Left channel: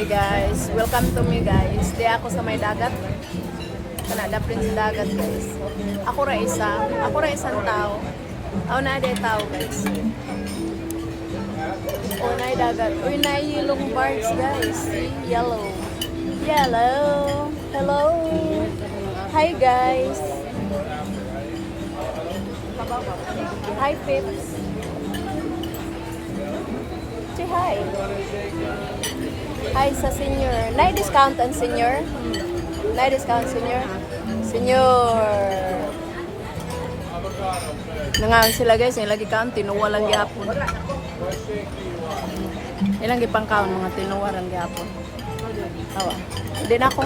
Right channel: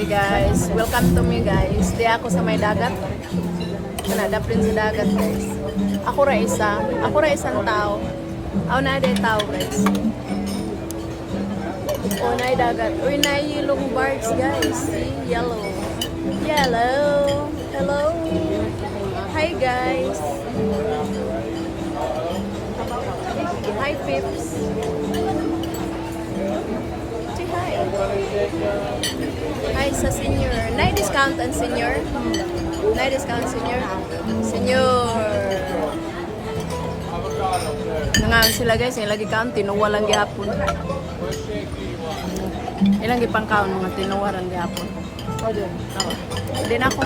Hi guys, welcome to me guys. Di ako sa may dagat. Kanada prin sa dagat guys. Ako ra isang tao. Ako na day tao guys. O na dagat. Uy na yellow birds guys. See, yellow. Yellow. Hello. Hi guys. Hi Pips. Say hi. Hi sa senior. Night discount ang senior? Night discount senior? Senior. Nangaon sila guys. Yung lagi kaon, tinuwa lang gihapon. Ilang gipang kaon, mga tinuwa lang gihapon. O doon. Awa. Doon ako.